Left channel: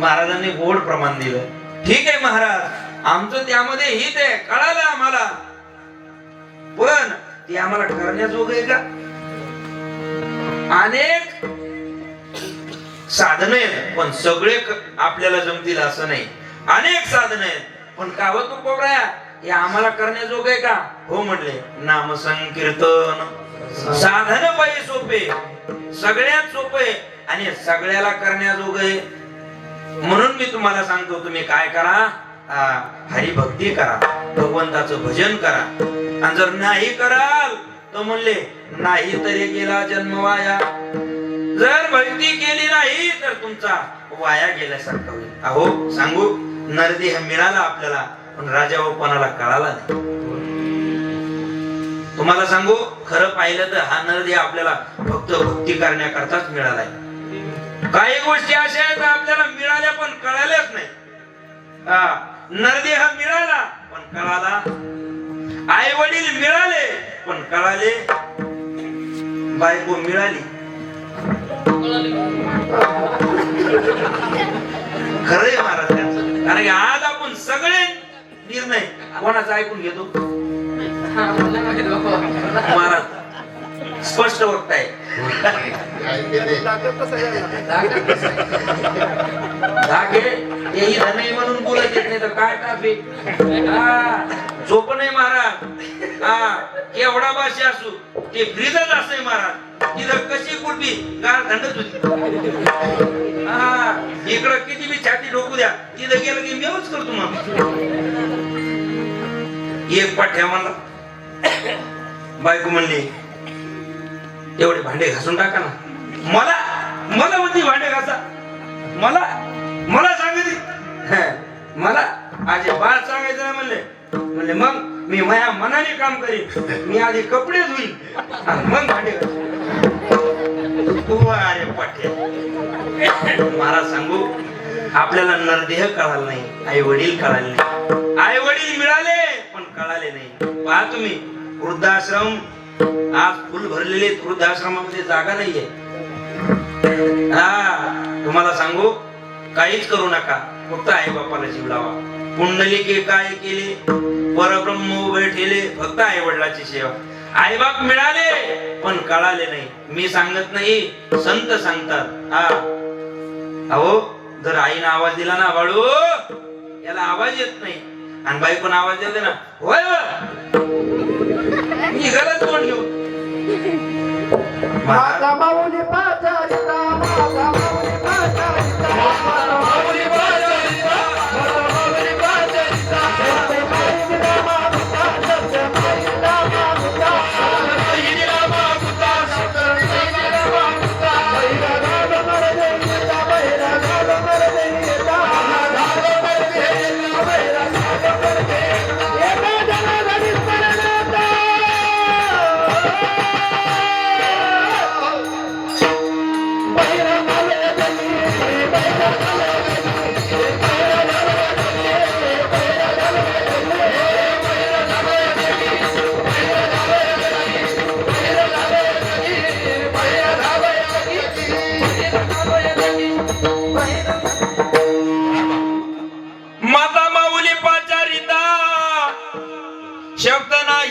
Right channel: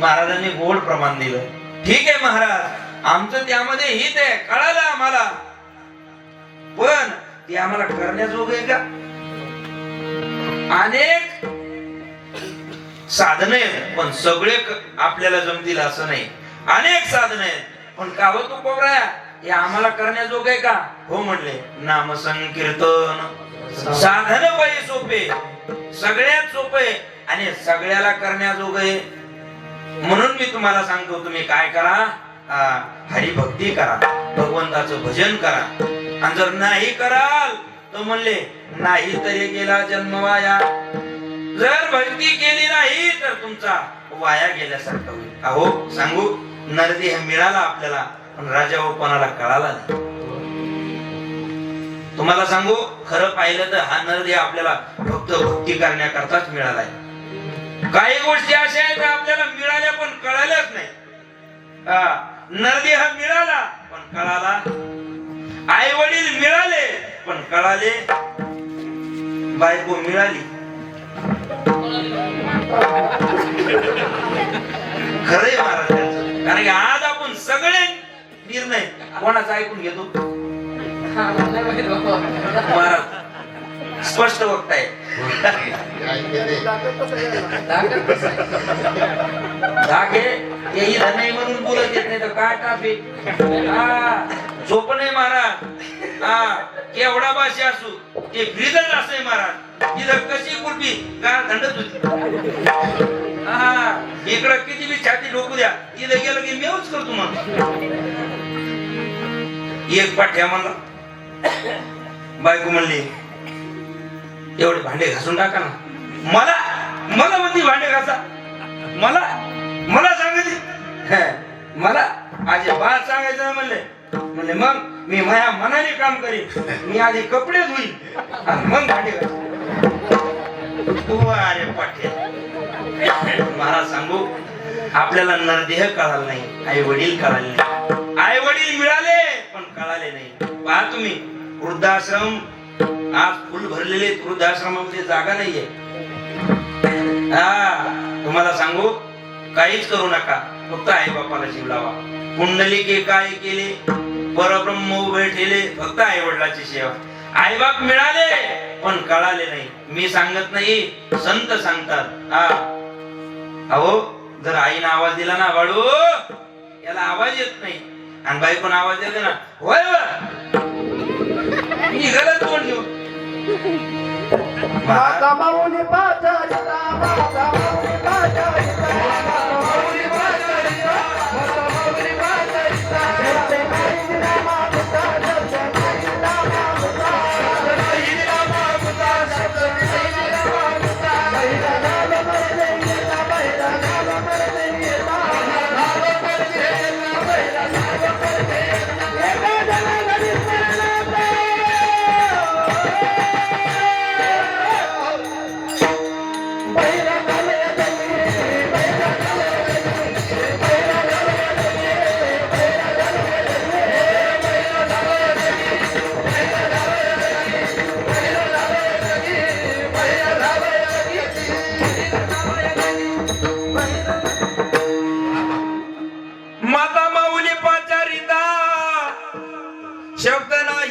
महाराजांनी गोड प्रमाण दिलं. ठीक आहे महाराज आमचं त्यामध्ये हित आहे कळालं आम्हाला. पण ते आम्हाला करण्याजोग आहे का? अनेक साधन आहेत पण सगळे आपल्याला जमतील असं नाही. अनेक साधन आहेत पण का हो कोबराया हे आम्हाला करण्याजोग आहे का? हो म्हणले नाम संकीर्तन साधन पाहिजे सोपे सगळ्यात सोपे आणि सगळ्याला करण्याजोग आहे. म्हणून मी तुम्हाला सांगतो तुम्ही काय करा? हा, हरिभक्ती करा भगवंताचं भजन करा. आणि जर नाही कराल तर म्हणले नाही तरी गेला जन्म वाया. जर भक्ती केली नाही तर तुमचा वाया गेल्यासारखं होईल. अहो सांगू नरदेह मिळाला आपल्याला पण राजा व कोणाला कळाला नाही. तुम्हाला सांगू खरं पाहिलं तर हा नरदेह आपल्याला फक्त भक्ती करण्याकरताच मिळालाय. काही गोष्टी अशा आहेत आपल्याला मिळाल्या नरदेह मिळाला पण कळाला. आई वडील मिळाले पण कळाले. बायको मिळाली. खरंय महाराज त्यांचं. कारण की आज आपण सगळे निर्णय कोणाचा ऐकून घेतो? महाराज स्पष्ट वक्ताय. धाके? तेही धनय म्हणून बोलत येत नाही तर काय टाफे झोप नाही महाराज. हा केवढा भाषी असू. ते फ्रीजच असे महाराज. तिथं कशी कुठली? गार थंडच होती हा इकडं किती बी छाती डोकू द्या. तिथं गेलं की मेवच करतो मग. एक पाठ्या म्हणला बायको म्हणली एवढे भांडे घासून टाका ना. मला मला म्हणती भांडे घासा. मला मला म्हणले मग मी माया मनाने काम करीन. मी आधी कपडे धुईन मग भांडे तू अरे पाठे महाराज सांगू आपल्याला नरदेह कळाला नाही आई वडील कळाले नाही. आई वडील मिळाले पण कळाले नाही. पहा तुम्ही वृद्धाश्रम आज फुल भरलेले वृद्धाश्रमामध्ये जागा नाहीये. हा तुम्हाला सांगू काहीच करू नका. फक्त आई बापाला जीव लावा. कुंडलिके काय केले? परब्रह्म उभे ठेले फक्त आई वडिलाची सेवा. आई बाप मिळाले पण कळाले नाही. मी सांगत नाही संत सांगतात. हा. अहो जर आईनं आवाज दिला ना बाळू याला आवाज येत नाही. आणि बाई पण आवाज देते ना. होय मी गरज तोंड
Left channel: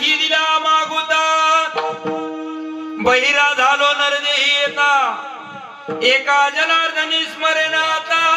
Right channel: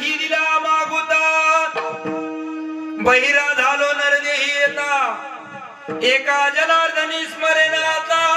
नाही दिला मागुता. बहिरा झालो नरदेही येता. एका जनार्दनी स्मरण आता